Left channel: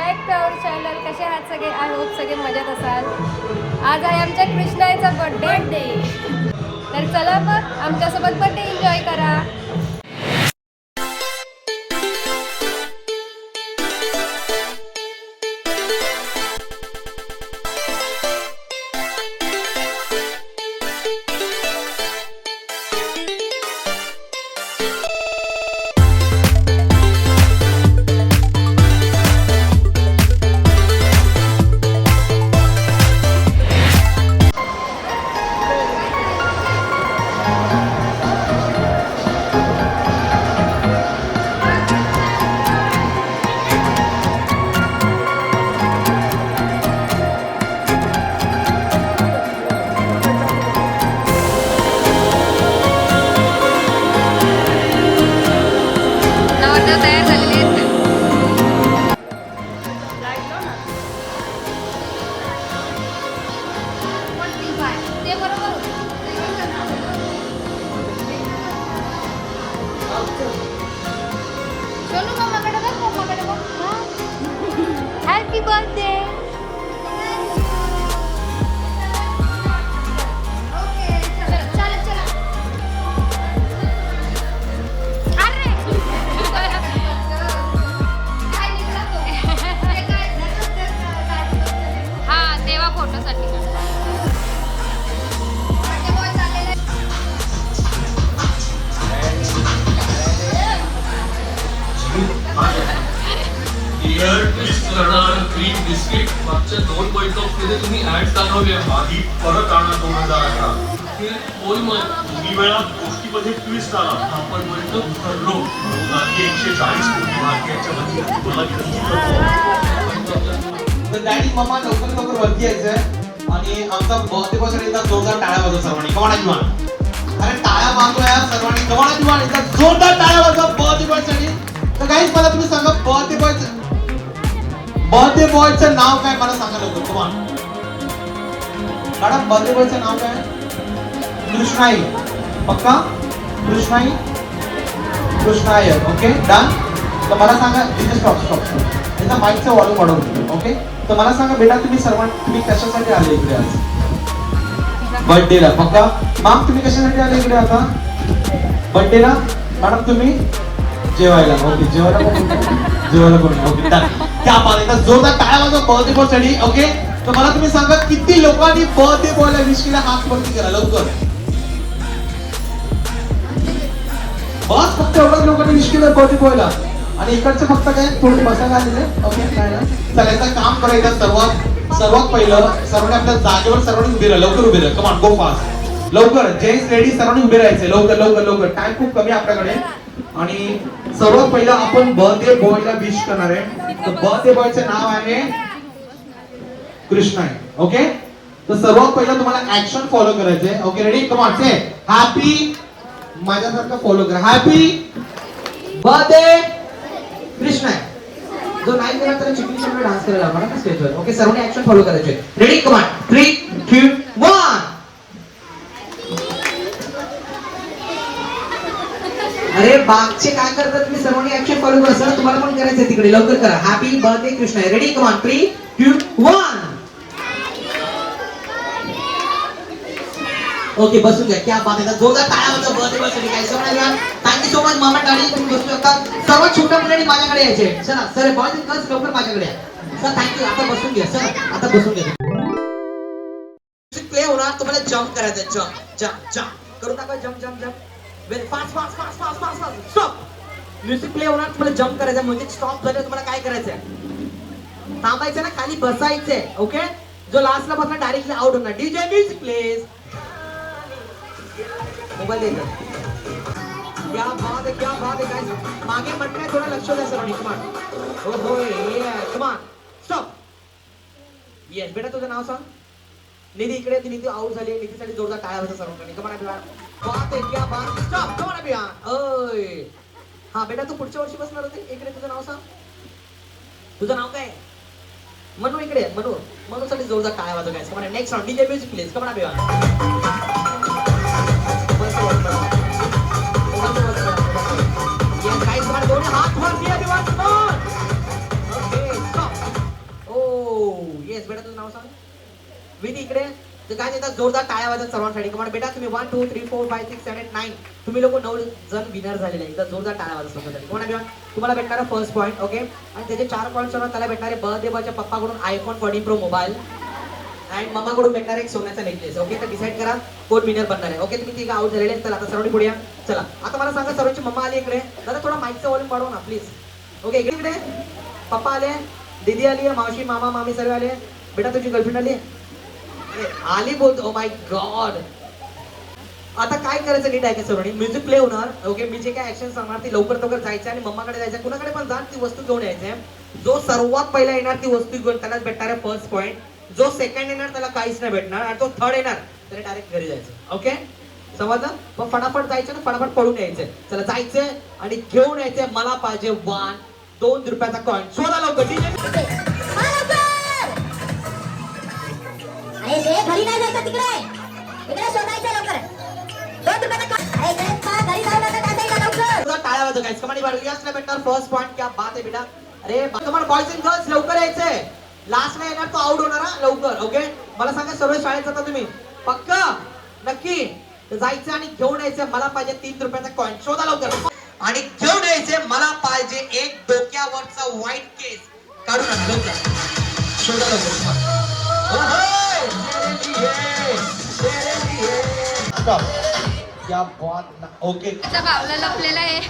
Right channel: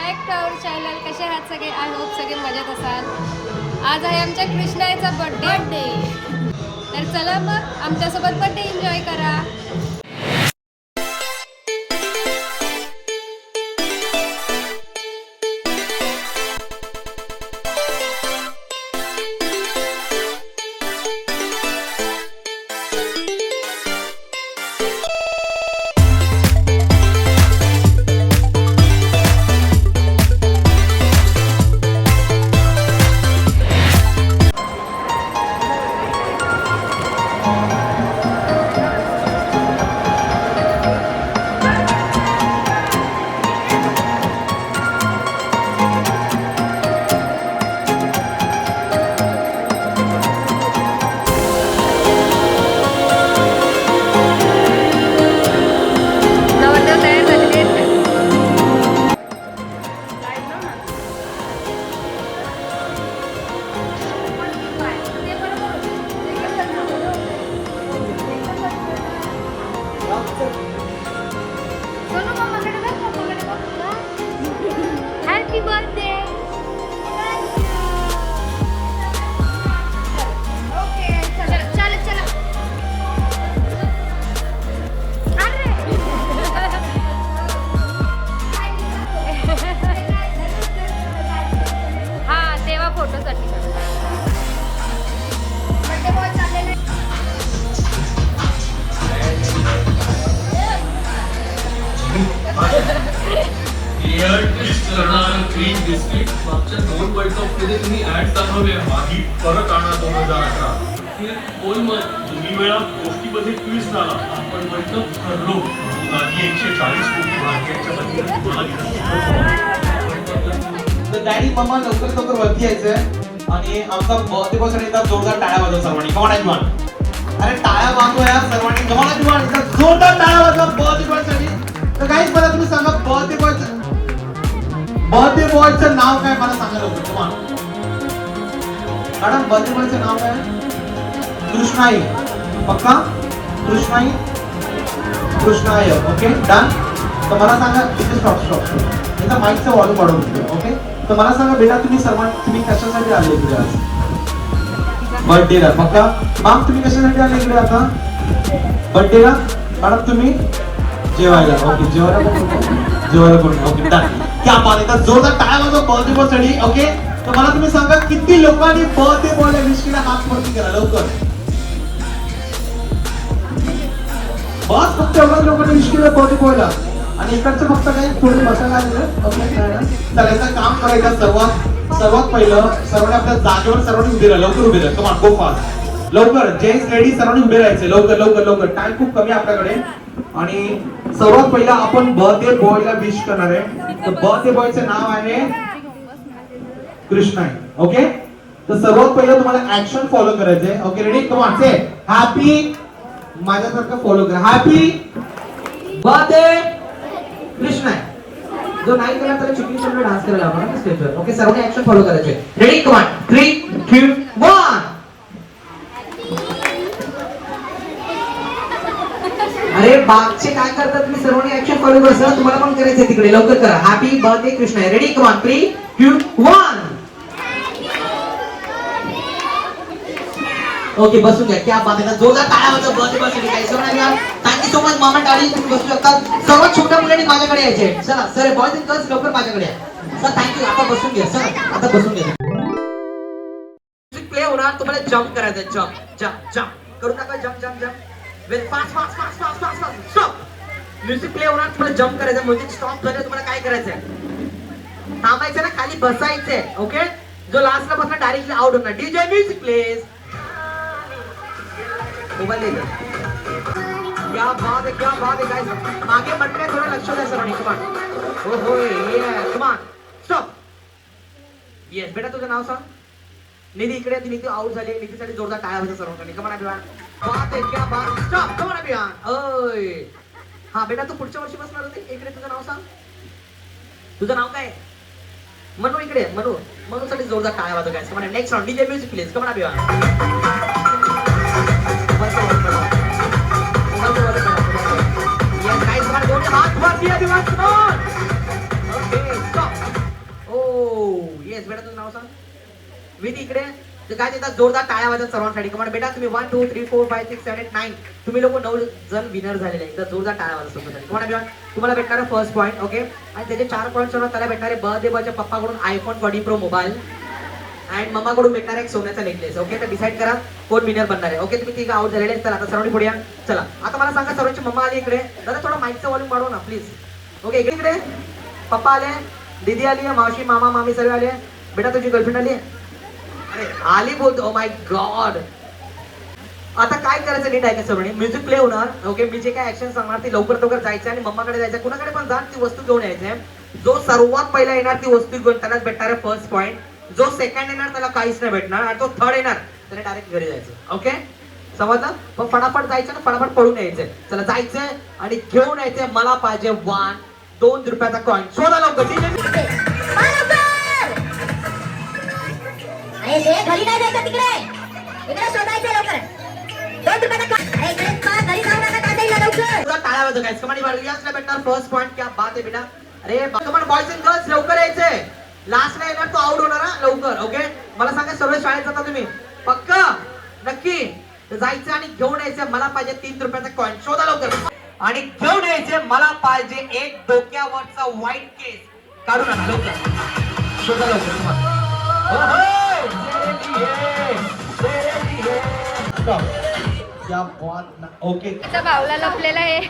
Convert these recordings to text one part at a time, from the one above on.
Back to our channel. कसे आहात सगळे? आय होप सगळे मजेत असाल. आज आहे आमच्या कृष्णाचा बर्थडे. तर चला मग आमच्यासोबत बर्थडे एन्जॉय करा. नवरदेव तयार झालेले आहेत. Happy birthday. हा तेव्हा फोटोसाठी क्रीम बिस्किट मागच्या 2 वर्ल्ड कप मध्ये तुम्ही ऍड चालवली मागी परत आणा 2018. दोन्ही वेळा गोष्टीमध्ये ट्विस्ट आला. आपण म्हणतो ठरलो मागी 140 कोटी भाग्याच्या डॅडी मम्मा लवकर वरती यायचंय आणि आमचा बर्थडे एकदा जोरदार टाळ्या वाजवा सर्वांनी. कमाना अरे टाळ्या वाजवा यार सर्वांनी. कमाना एकदा जोरदार टाळ्या वाजवा बर्थडे. तर गाईस मला तुम्ही सांगा बर्थडे बॉयचं नाव काय मला सांगा लवकर. तुम्हाला मॅडम बर्थडे बॉयचं नाव काय? कृष्णाई. पक्का? कृष्णाई. Okay done. तर मला सांगा इथे स्टॉप एकदा माईकचा वॉल्यूम वाढवतो. ओके तर मला सांगा बेटा तुम्ही कशासाठी आले इकडे आज? बर्थडेला. पक्का? मॅम तुम्ही कशासाठी आले इकडे आता बर्थडेला? मॅडम तुम्ही जेवायला. ओके जेवायला करून. Okay done. क्या बात आहे. तर जोरदार टाळ्या वाजवा बर्थडे बॉय साठी. ओके तर मला तुम्ही सांगा किती लोकांनी बर्थडे बॉयला विश केला? हात वरती करा लवकर. बस फक्त एवढ्या लोकांनी विश केलं बर्थडे बॉयला आणि इकडचे फक्त काय थोडे बसायला आलेले. ओके तर याचं काम करायचं सर्वात पहिलं सर्वांनी आपल्या जागेवर सर्वांनी उभे राहा. लवकर उभे राहा. Come on go fast. लवकर जेंट्स लेडीज सर्वांनी उभे राहायचे. लवकर टाइम खूप कमी आपल्याकडे. आणि सर्वात पहिला आपण बर्थडे बॉयला विश करणार आहे. तर बर्थडे बॉयचे नाव आहे कृष्णा. ओके तर सर्वात पहिलं तुम्हाला ऍक्शन फॉलो करायचंय. Okay ready? Come on say happy. माझ्यासारखं फॉलो करा. Happy birthday Krishna. जो नाही केला तर चिकनी चिकनी डान्स करायला आपण स्टेजवर. ओके सर्वांनी ऍक्शन फॉलो करायचे. रेडी? Come on 3 2 1. अरे बागचे काय करतात तुम्ही सर्वांनी ऍक्शन फॉलो करा. तुम्हाला पण करायचं तिकडे. लवकर करा. Happy birthday Krishna. Ready? Come on 3 2 1. Okay बसून घ्या. क्या बात आहे. जोरदार टाळ्या वाजवा बर्थडे बॉयसाठी. काय सोना थँक्यू सो मच मामा डॅडी. तुम्ही बसू शकता. सर्वात छोट्या मुलांनी माझ्याकडे यायचे. चला सर बॉयज अँड गर्ल्स लवकर माझ्याकडे या. Sir thank you. आता बसून घ्या. सर आता बसून घ्या. म्युझिक प्ले होणार. तुम्हाला जंप करायचं. जंप करून टाका. Jump very fast. Stop. Music play होणार. तुम्हाला जंप करायचं. म्युझिक स्टॉप झाले तुम्हाला काय करायचंय? थांबायचं ना. खाली बसायचंय. ओके जो लास्टला बसला डायरेक्टली आउट होणार. DJ music plays. मोबाईल दे. क्या बात है गाइस. मागे मंडळी थोडं लक्ष द्या सर्वांनी. Come on. हो कम ऑन. स्टॉप. येस बेटा तुझं नाव सांग. निधी इकडे. निधी आउट झाली. निधीसाठी जोरदार टाळ्या वाजवा सर्वांनी. Come on everyone. बात है क्या बात. स्टॉप. Come on everyone. ओय हा बेटा तू पुढच्या वर्षी बसणार होते. इकडे तुझं नाव सांग. तुझं नाव काय? मनू इकडे. मनूसाठी जोरदार टाळ्या वाजवा guys. Come on next round. DJ music please. Come on everyone. Yes, guys, come on, hath work here, everyone, come on. Okay, stop. Yes बेटा तुझं नाव सांग. विधी इकडे. तर काय एकदा जोरदार टाळ्या वाजत सर्वांसाठी. कमान बेटा तुम्ही 1 2 3 4 5 6 7 8 9 तुम्ही लोक 9 जण विनर झालेले. एकदा जोरदार टाळ्या वाजत तुम्हाला तुम्हाला भेटणार फर्स्ट पॉईंट. ओके. आणि त्याचे 4 पॉईंट सर्व त्याला भेटणारे बर्थडे बॉयच्या पप्पाकडून आयफोन 14 प्रो मोबाईल अँड मम्माकडून भेटणार एक सोन्याचा नेकलेस. ओके. तर डिसाईड करा कोण विनर बनणार आहे. ओके. तुम्ही तिघ आउट झालेले. चला आता सर्वांनी पुढे या. चला आता मला सांगा सर्वांची मम्मा आली इकडे. दादा थोडा माईकचा वॉल्यूम वाढवा ना प्लीज. ओके. इकडे पप्पा आले, दीदी आली, मावशी मामा मामी सर्व आले. बेटा तुझी गर्लफ्रेंड आली अरे आली बोलतो. Oh my God. आता काय करायचं नीट ऐकायचं सर्वांनी. म्युझिक प्ले होणार. ओके. मी जे काय ऍक्शन सांगणार ती लवकर लवकर जायचं आणि मम्माकडे जायचं. कुणाकडे पण जा ती वस्तू घेऊन यायचे. जो सर्वात पहिला येणार ती वस्तू घेऊन त्यालाच भेटणार फर्स्ट पॉईंट. जो सेकंड येणार त्याला काहीच नाही भेटणार आणि जो थर्ड येणार त्याला डायरेक्ट घरी जायचं. ओके. समजलं. पण फटाफट जायचं ना फटाफट पळून यायचंय. चला जायचंय आणि घेऊन यायचंय. मला पाहिजे 2 रुपयाचा कॉइन. शोधा लवकर. अरे ते घरी नाही जायचं तिकडे. इकडे शोधायचं लवकर. 2 रुपयाचा अरे इकडे घरी जाऊ नका काढायला लवकर. टाळ्या वाजव गाइस. कमांडी बाळगीला भेटणार फर्स्ट पॉइंट. क्या बात आहे बेटा. अरे कमान बॉयज अँड गर्ल्स लवकर यायचंय. लास्ट ला येणार तो आउट होणार हा लवकर. ओके. मला सांगा सर्व शाळेत जाता तुम्ही पक्का नक्की जायचं आणि घेऊन यायचं. मला पाहिजे 3 रुपयाचा कॉइन. शोधा लवकर आणि घेऊन यायचं. मला पाहिजे एक डोक्यावरचा व्हाईट केस काढून आण लवकर. शोधा लवकर. क्या बात. ओके. त्या बावला लपलेला आहे.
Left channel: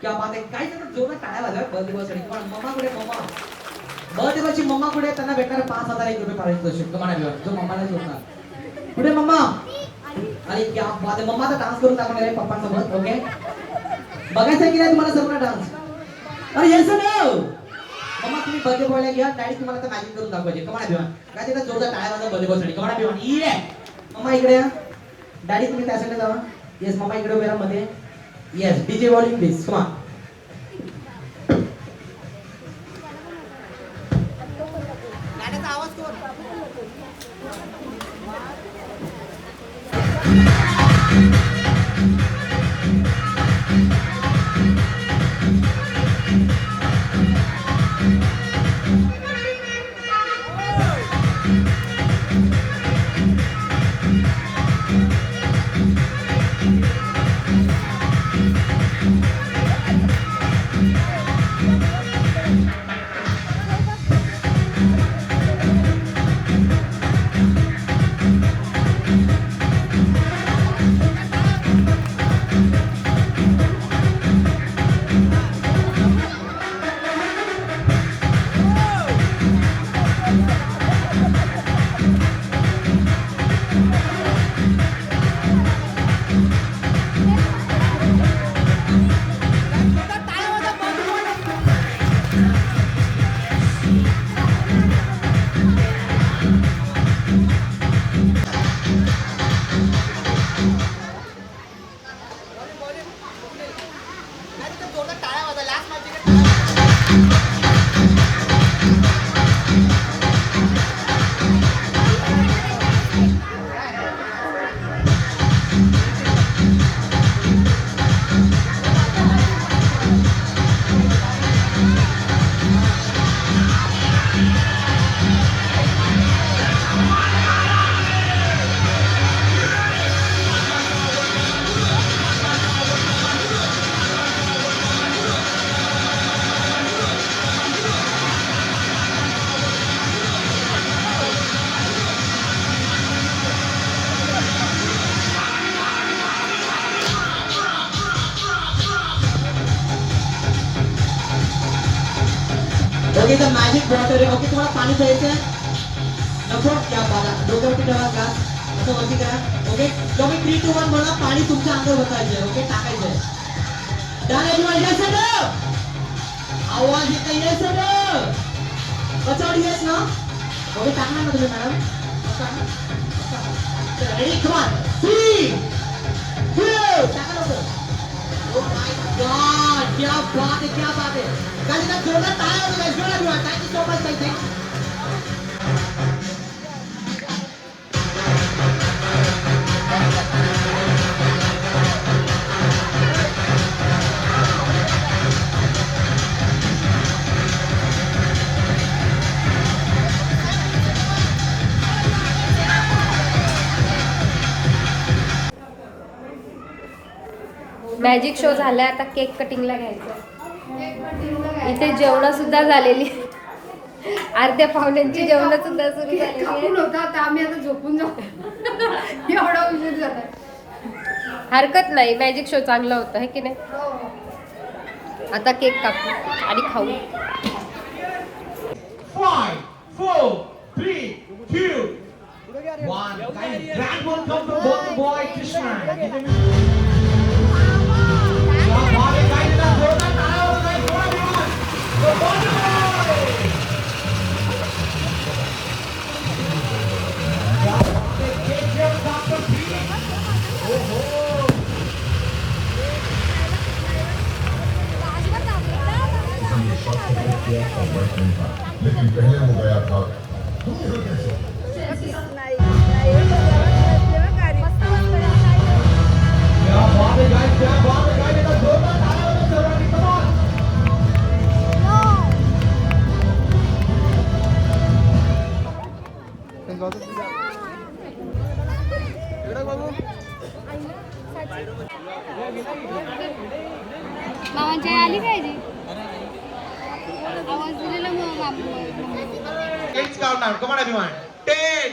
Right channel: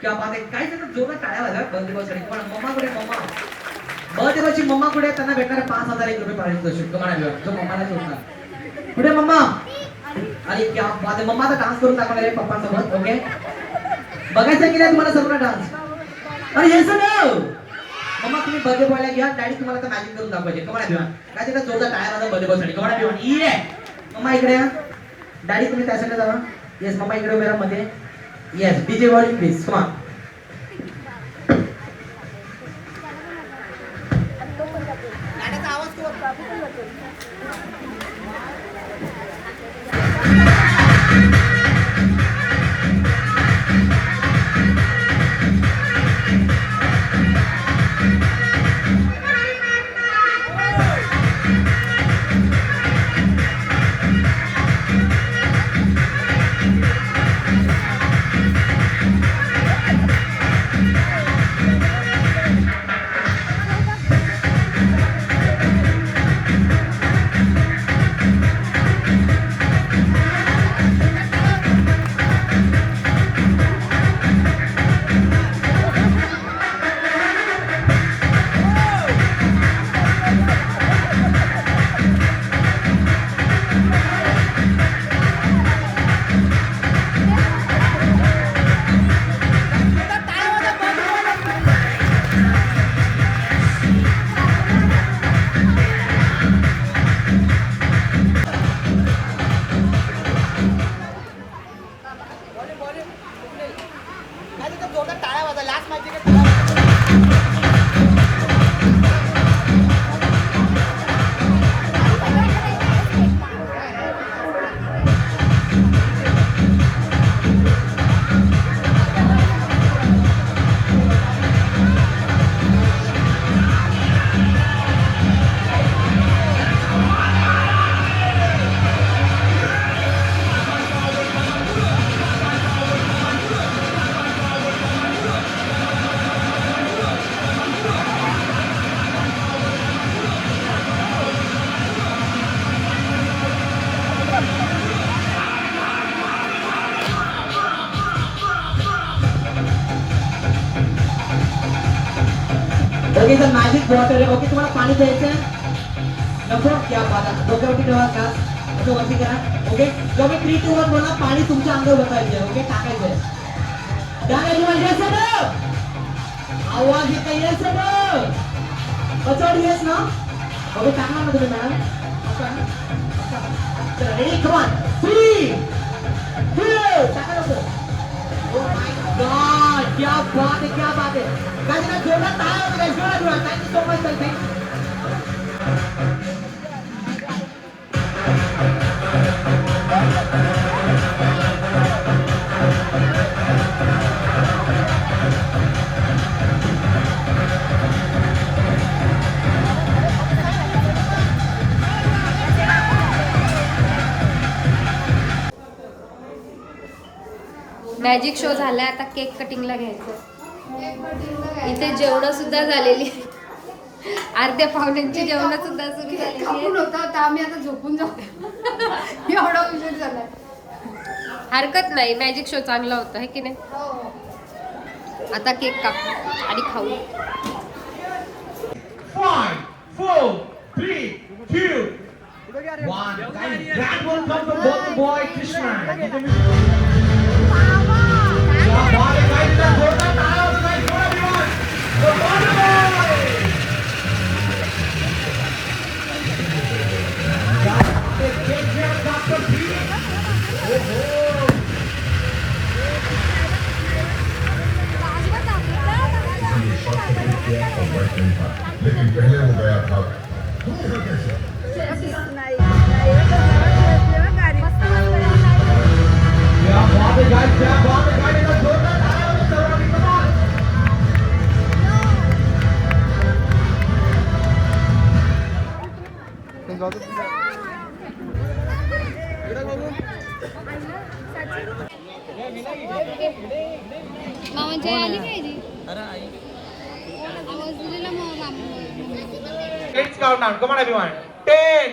क्या बात आहे. काय जोरात टाळ्या वाजवा बर्थडे बॉयसाठी. मम्मा कुठे मम्मा बर्थडे बॉयची मम्मा कुठे. त्यांना भेटणार 5,000 रुपये पारितोषिक. तुम्हाला जो मम्माला शोधणार कुठे मम्मा. अरे क्या बात आहे. मम्माचा डान्स करून दाखवणार आहे पप्पांसोबत. ओके. बघायचं की नाही तुम्हाला सर्व डान्स. अरे येस नो मम्मा तुम्ही बर्थडे बॉयला घ्या. डॅडी तुम्हाला आता मॅजिक करून दाखवायचे. कमाना भिवान काय तिथं जोरदार टाळ्या वाजवा बर्थडे बॉयसाठी. कमाना भिवान ये मम्मा इकडे या. डॅडी तुम्ही त्या साईडला जावा. येस मम्मा इकडे उभे राहा मध्ये. Yes DJ volume please. Come on. गाण्याचा आवाज कोण. बॉटल ओके तुम्हाला पाणी प्यायचं नको क्या बात आहे डोक्यावरती ठेवा का असं वरती करा ओके तुम्ही 3 2 1 म्हणा पाणी तुमच्या अंगावर ओतायचं ओके टाकायचं डन एवरीवन यस सर आवाज येते यस सर वचवड यस ना ओके टाकणार ना तुम्ही मॅडम रेडी कम ऑन 3 2 टाका लवकर ओ माय गॉड क्या बात है गाइस का जोरदार तालियां बजाओ जोरदार thank you so much thank you magic show झालाय आता केक कटिंगला घ्यायचं. इथे जेवण सुद्धा झालेली अर्ध्या पाहुण्यांची जेवण सुद्धा सुरू झालेली आम्ही आता झोपून जाऊ एवढा उशीर झाला. हरकत नाही मॅजिक शो चांगला होता है की नाही. आता केक कापू आणि खाऊ. 5 4 3 2 1 guys grand welcome from both the boy Krishna क्या बात है गाइस का जोरदार तालियां बजाओ गाइस फॉर एवरीवन बोल क्या बात है केक जेम डॉक्टर भी ओहो लेकिन पहले हो गया था कैसे क्या बात है गाइस क्या बात है गाइस का जोरदार तालियां बजाओ सर्वांनी कम ऑन मामांची आली पाहिजे आवाज दिलेला मग Let's count now. Come on, everyone. 10.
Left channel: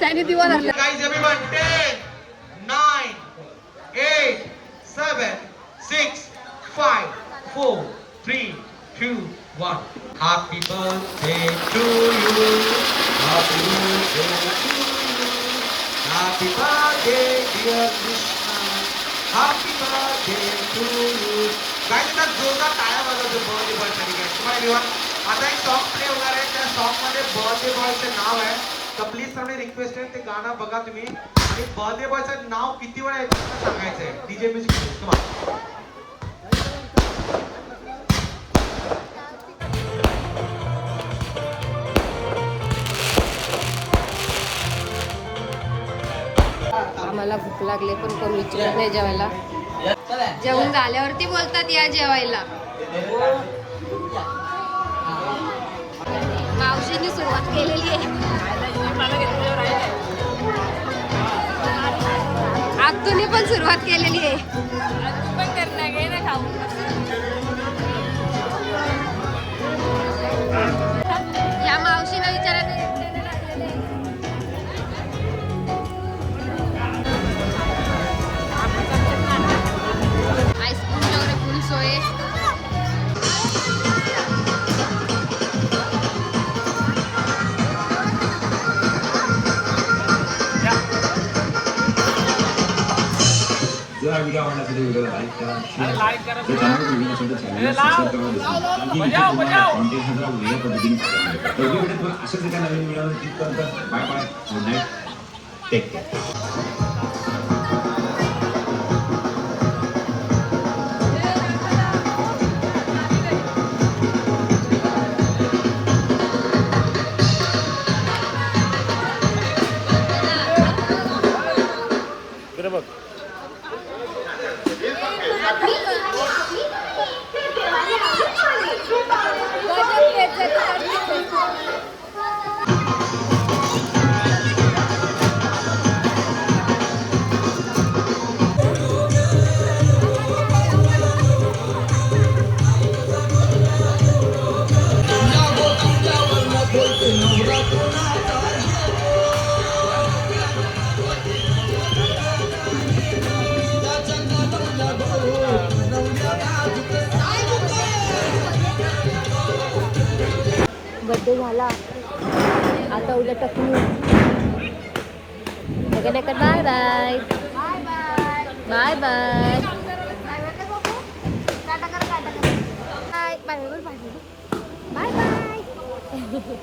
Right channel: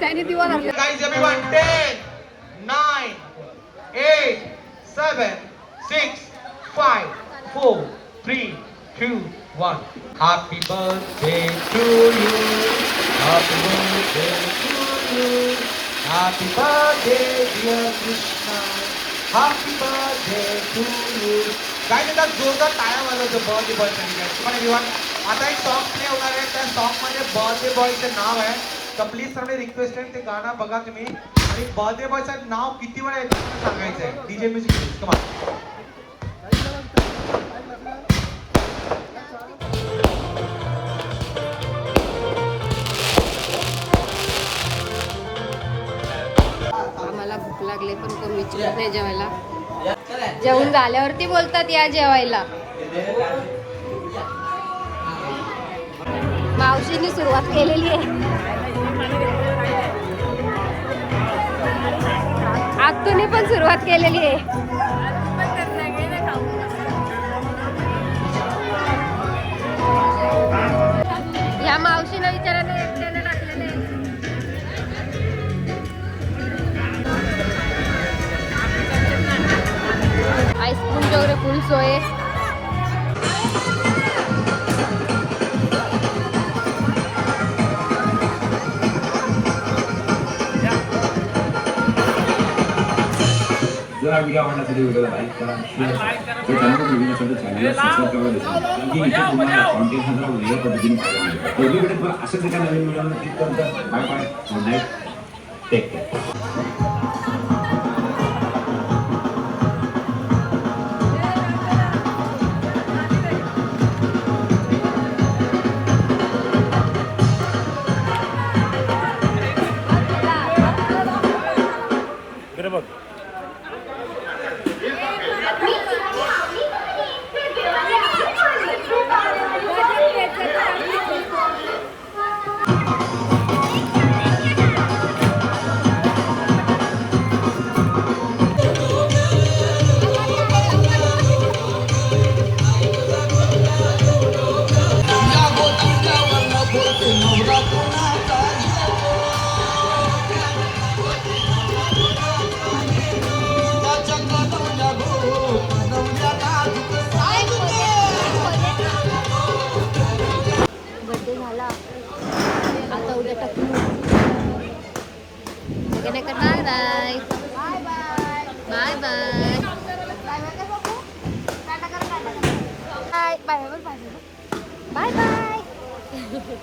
त्याने दिवा लागला. Guys, everyone. 10, 9, 8, 7, 6, 5, 4, 3, 2, 1. Happy birthday to you. Happy birthday to you. Happy birthday, dear Krishna. Happy birthday to you. Guys, आता जोरदार टाळ्या वाजवतो बर्थडे बॉय साठी guys. तुम्हाला everyone आता एक सॉन्ग प्ले होणार आहे. त्या सॉन्ग मध्ये बर्थडे बॉयचं नाव आहे. तर प्लीज सर्वांनी रिक्वेस्ट आहे ते गाणं बघा तुम्ही आणि बर्थडे बॉयचं नाव किती वेळा येतं मला सांगायचं आहे. DJ music come on. आम्हाला भूक लागले पण कोण विचारत नाही जेवायला. जेवून झाल्यावरती बोलतात या जेवायला. मावशीने सुरुवात केलेली आहे. आत्तूने पण सुरुवात केलेली आहे. या मावशीला विचारायला आईस्क्रीम वगैरे फुल सोय. जरा व्हिडिओ आवडण्यासाठी व्हिडिओ लाईक करा शेअर करा चॅनल व्हिडिओसाठी चॅनल सबस्क्राइब करा आणि इथे तुम्हाला कॉन्टेंट हा वेगळ्या पद्धतीने पाहायला मिळेल. व्हिडिओ तुम्हाला अशाच एका नवीन व्हिडिओमध्ये भेटतो. Bye bye good night take care. Birthday झाला आता उद्या टकलू bye bye bye bye bye bye bye